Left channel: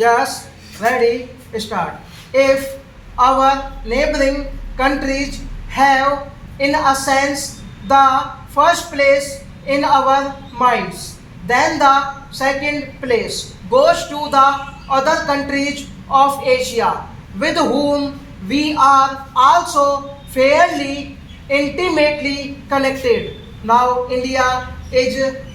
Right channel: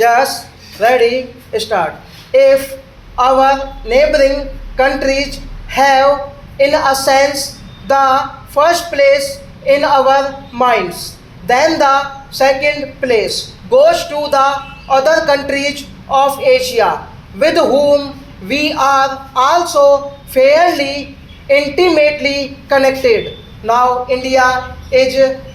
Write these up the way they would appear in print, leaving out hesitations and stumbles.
Yes, ready, start. If our neighboring countries have, in a sense, the first place in our minds, then the second place goes to the other countries of Asia, with whom we are also fairly intimately connected. Now, India is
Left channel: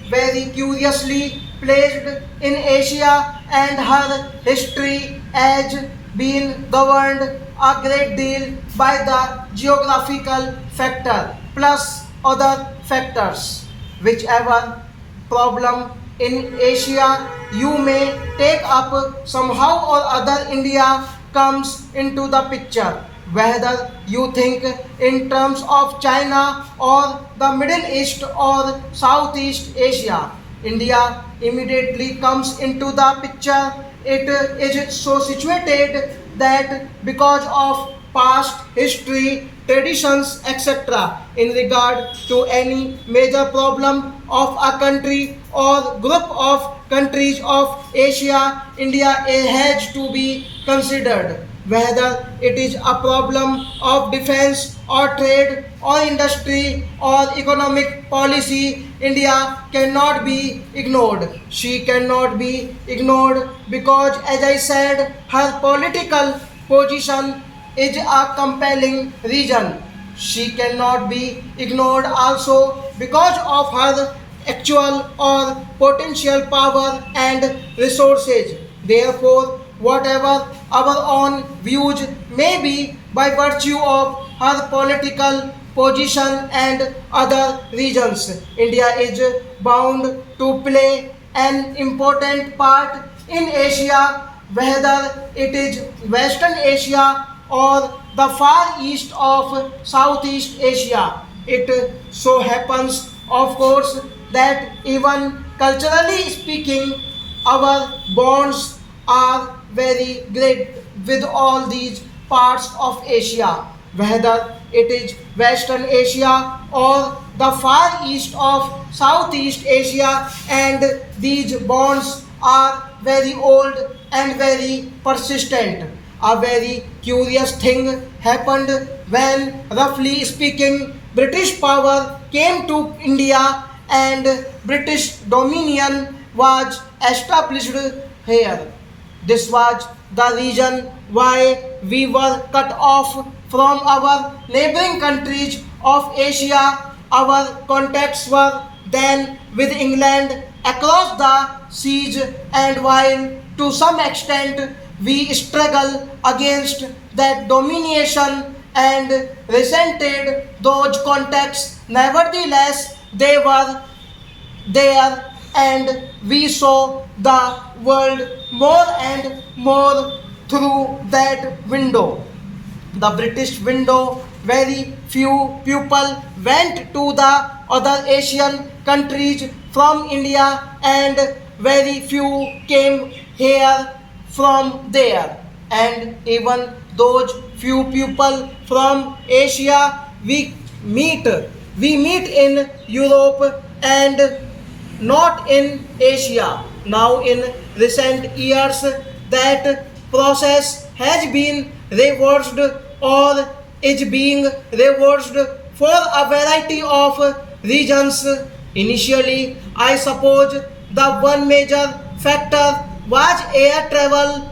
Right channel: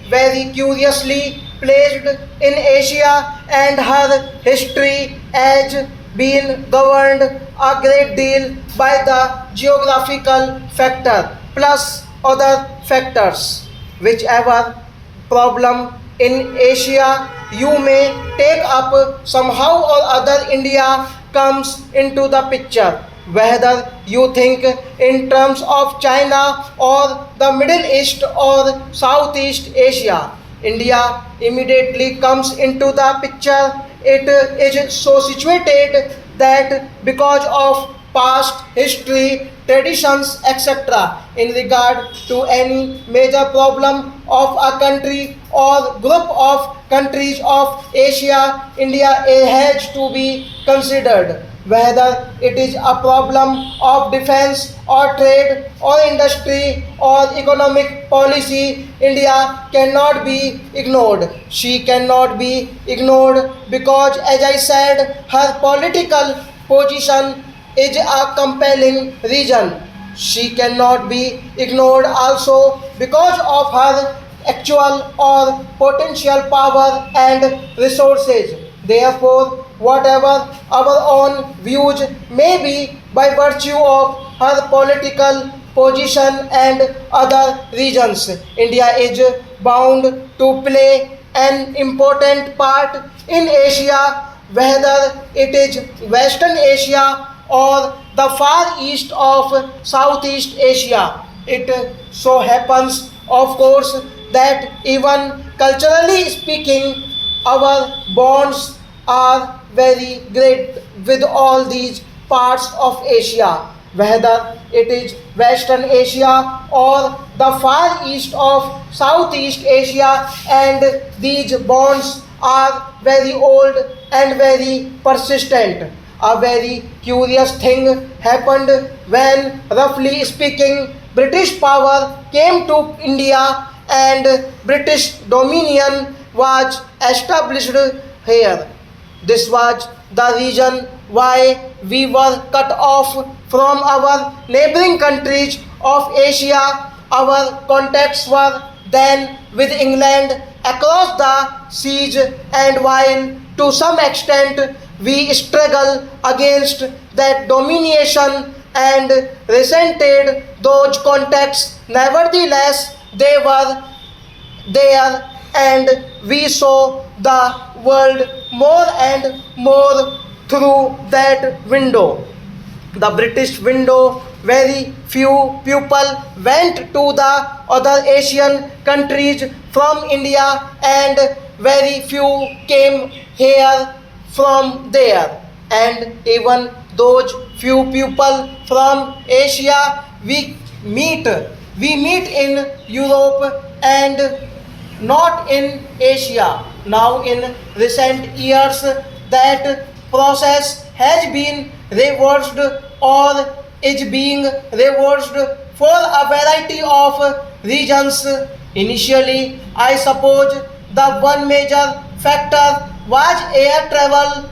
very curiously placed in Asia, and her history has been governed a great deal by the geographical factor plus other factors. Whichever problem in Asia you may take up, somehow or other India comes into the picture. Whether you think in terms of China or the Middle East or Southeast Asia, India immediately comes into the picture. It is so situated that because of past history, traditions, etc., in regard to any major problem of a country or group of countries of Asia, India has to be considered. Whether it is a problem of defense or trade or industry or economic policy, India cannot be ignored. She cannot be ignored because, as I said, her political position is a compelling reason. She cannot be ignored also because of her actual or potential power and resources. Therefore, whatever our own views may be by virtue of her political position and other reasons, India is bound to play an important part in Asia, whether it is Western Asia or the far east of Southeast Asia. It so happens, of course, that even culturally speaking, our bonds are very great with all these parts of Asia, whether it is Western Asia or the far east of Southeast Asia, and these bonds are very old and very persistent. A very curious thing happened when, roughly speaking, British power came to India and British dominion was established here. This was the reason why we were cut off from our neighboring countries of Asia. Our contacts were then with England across the seas, and while to some extent we struggle against that domination and resented those contacts, nevertheless they were there, and we saw the world more and more through that window, the British window. Very few people went to the other Asian countries from India, and very few came here from there. And even those few people from Asia meet we meet in Europe and not in Asia. Now, in recent years, that process has been reversed or is being reversed for a variety of reasons. Initially, I suppose the one major factor was air travel.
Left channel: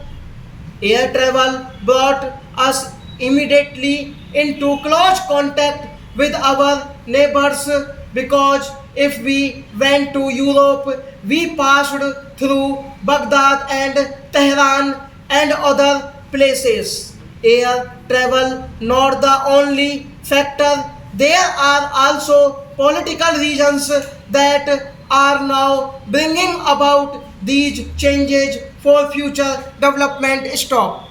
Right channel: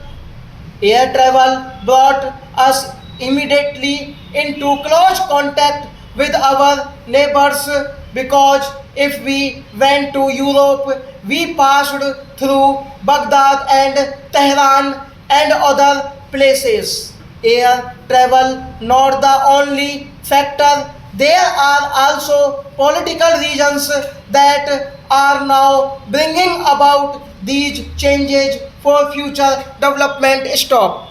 Air travel brought us immediately into close contact with our neighbors, because if we went to Europe, we passed through Baghdad and Tehran and other places. Air travel not the only factor. There are also political reasons that are now bringing about these changes for future development. Stop.